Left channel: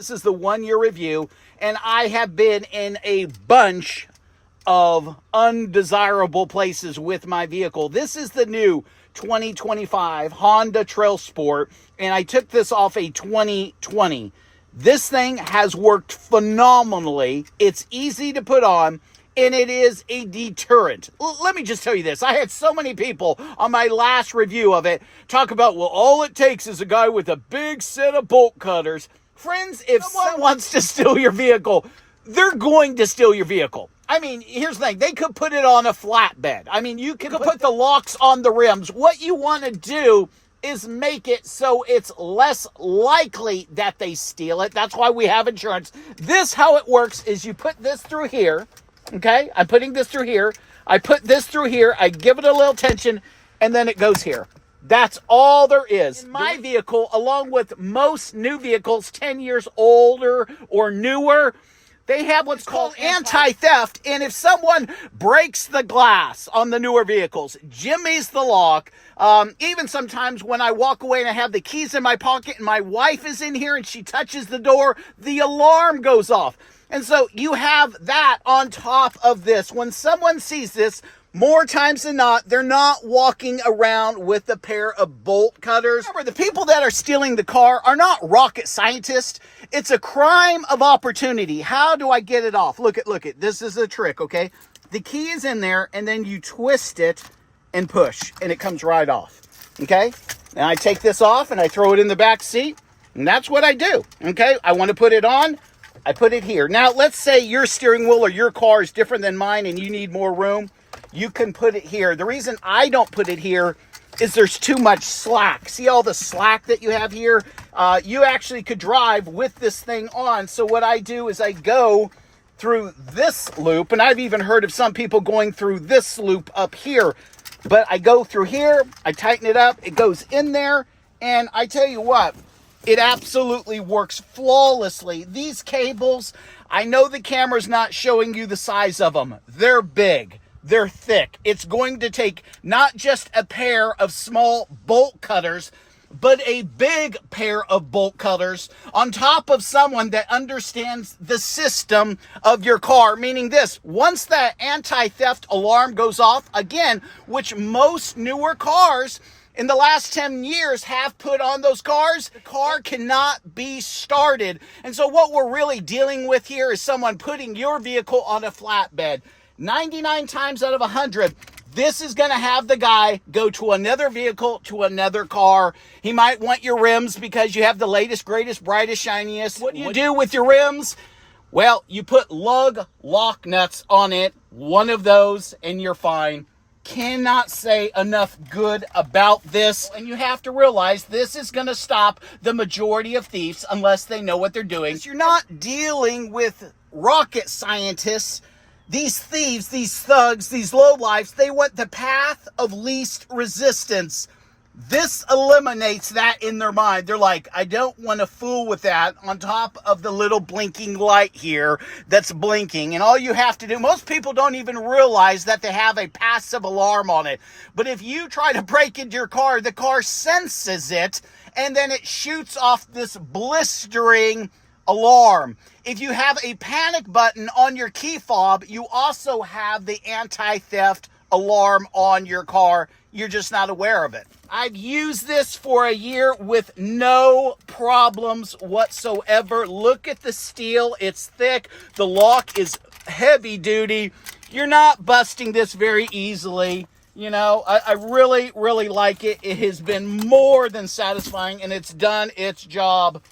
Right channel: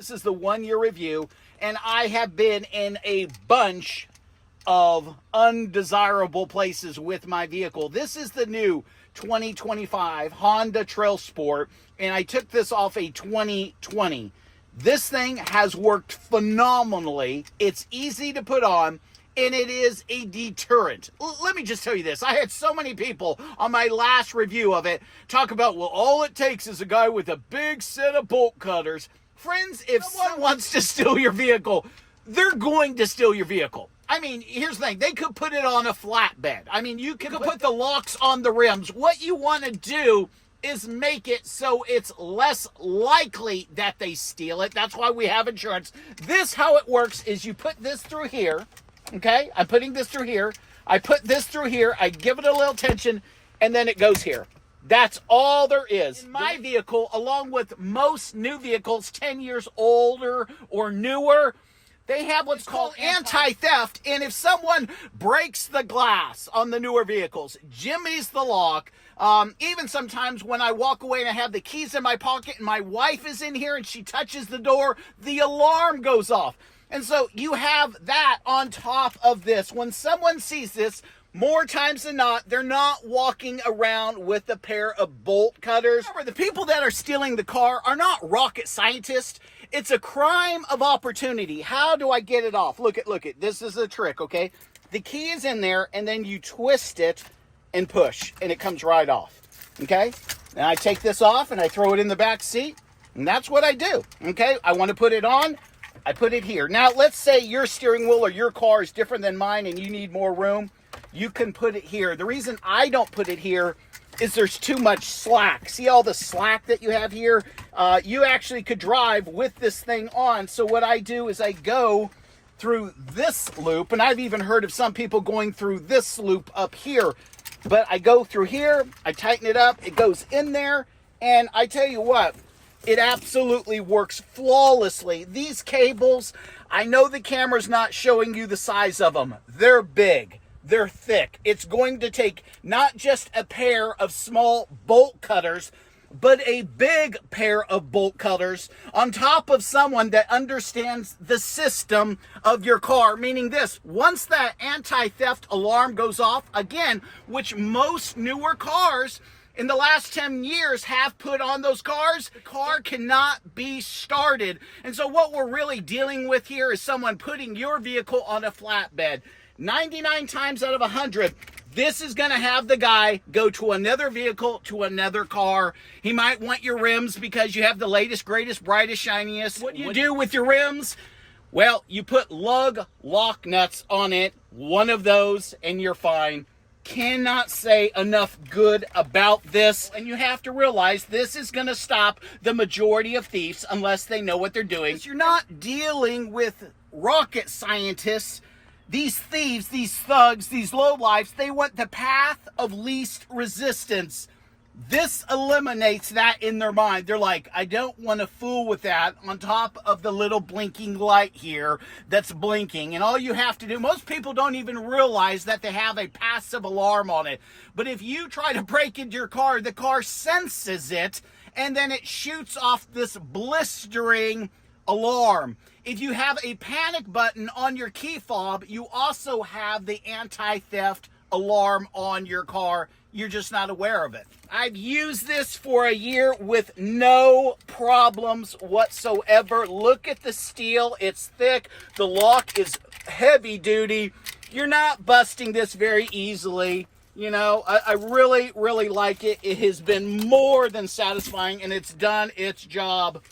This is the 1 year review, and I have been in a bunch of undesirable places with my vehicle. This is the new 2025 Honda TrailSport, and I took this off a 2020. This thing has worked phenomenally. It's easy to put on, and it is a deterrent. Let me just tell you this. I had so many people on my last review of it talk about, well, all it takes is a guy with a big set of bolt cutters. Friends, if someone wants to steal your vehicle, they're going to steal your vehicle. I mean, here's the thing. They could put it on a flatbed. I mean, you could put the locks on the rims. What you want to do is make it so it's less likely that they steal it. That's why we have insurance. This, how it works, is you put this through here. Okay? I'm putting this through here. I put this through here. I give it a little tension, and then it goes here. That's all there is. In my vehicle, along with most new vehicles 10 years older or newer, they have what's called anti-theft. And if someone breaks the glass on the newer vehicles, jimmies the lock, even sometimes when I walk away and I have the keys in my pocket and my wife is in here and she touches the door, the alarm goes off. And so you have that on top of this. When someone sees this, more times than not, they're not walking around with a pair of bolt cutters. Remember, the people that are stealing the car are not rocket scientists. It's a crime of opportunity. How do I get it off? Look at, this is a trick, okay? The key is in there, and then you twist it and push, and it comes right off, okay? And I take this off, and I throw it in the back seat, and that's what I do, okay? I want to put it on. I put it here. Now, let's say your steering wheel or your car is different than mine, and you need more room. You can put it here. The reason I don't put it here is there's too much slack. See all the slack that you have here? You actually could drive with this thing on. So what I do is I go through this loop, and I've even heard of some people going through this loop up here. But I go through here, I tighten it up, it goes in there, and I tell you what, it absolutely works flawlessly. These cables, I know the camera's not showing you the size of them. They're big. They're thick. It's going to take not just a pair of small bolt cutters, but a big pair of bolt cutters on top of someone that understands the system of your car. Meaning this, once that anti-theft alarm goes off, again, which most newer cars in the last 10 years have put on those cars, the car cannot be started. And so what we're really dealing with here is someone putting your vehicle on a flatbed. 99 times out of 100, this is going to have the guy go to another vehicle, to another car. He might want your rims because you have the latest, greatest, brightest, shiniest. What do you do with your rims? Well, you put lug lock nuts on it, one of those, and you're fine. Cannot say enough good about this. And you have to realize this is going to stop the majority of thieves unless they know what they're doing. You're not dealing with rocket scientists. These thieves, these thugs, these lowlifes, they want the path of least resistance. This eliminates that in their mind. They're like, I don't want to fool with that on top of the little blinking light here that's blinking. And all you have to do, most people don't even realize that they have a passive alarm on it. But if you try to break into your car, the car senses it, and then it shoots off this blistering alarm. If you have a panic button on your key fob, you also have the anti-theft alarm on your car. You're just not aware of it. I've used this for a year with no problems whatsoever. Look at the steel. It's thick. The lock is heavy duty. You're not busting this very easily. You know, I really, really like it. It has been more than satisfying, and it's done its job